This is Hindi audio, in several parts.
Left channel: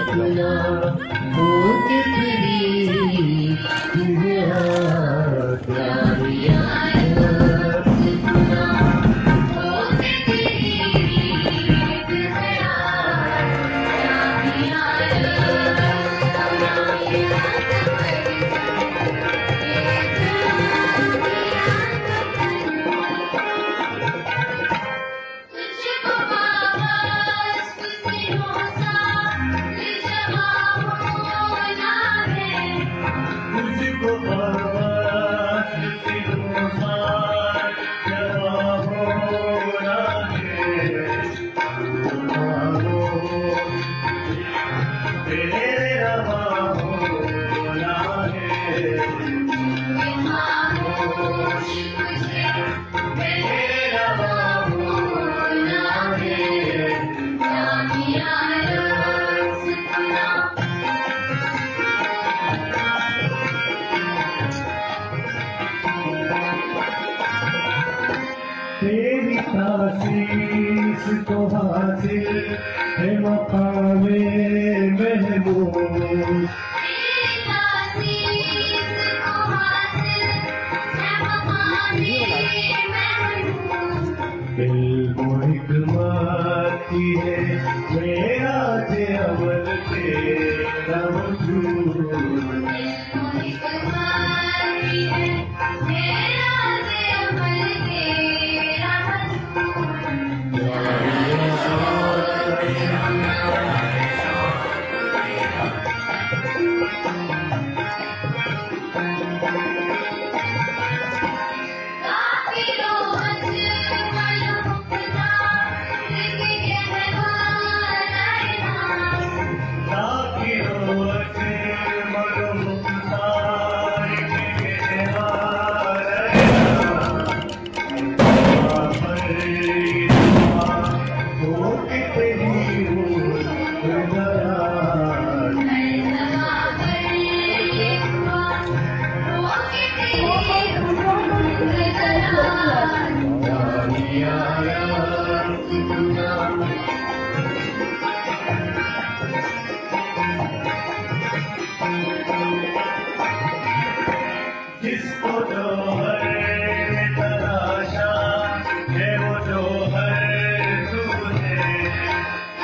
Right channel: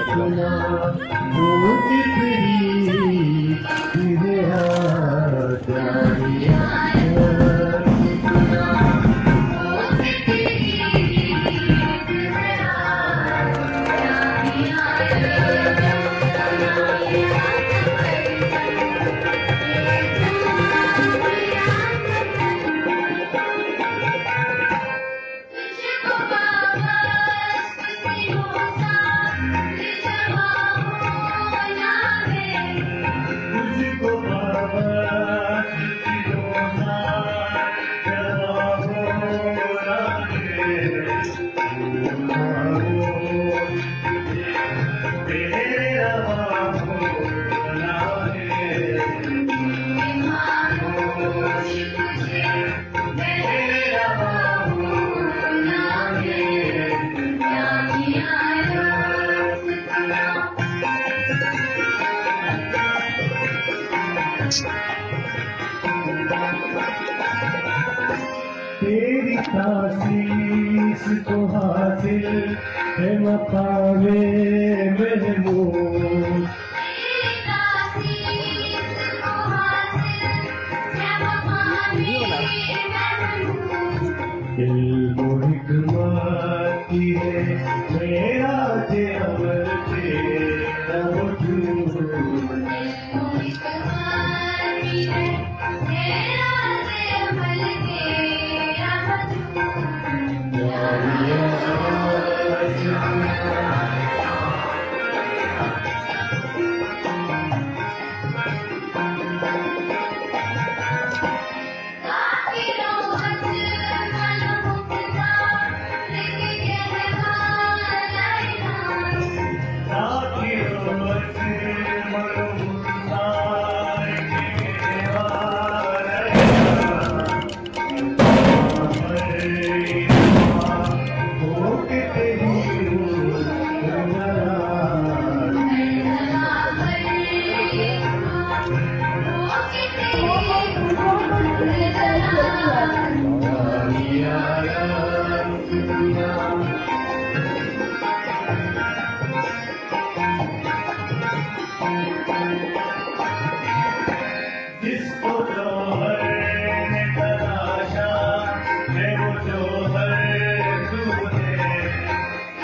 सुना वो कितनी मेरा प्यार यार सुना वो कितनी मेरा तेरी तासीस को हासिल है मकामे महमूद दिल को हिकमती है मेरा से अमल तेरा वजूद जिसको जोहर ने तराशा है वो जोहर तू है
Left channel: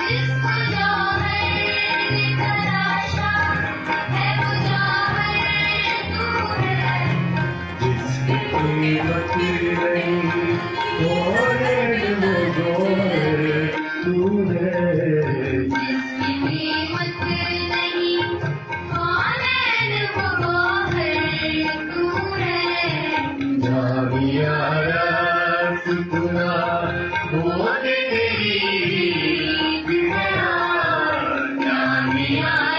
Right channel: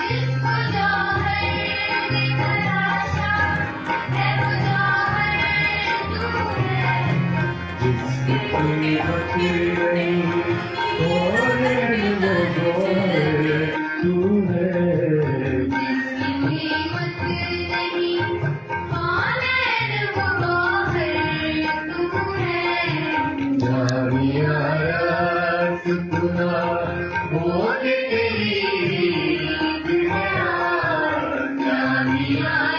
जिसको जोहर ने तराशा है वो जोहर तू है जिसकी कीमत नहीं जोहर वो जोहर तू है जिसकी कीमत नहीं सुना वो तेरी मेरा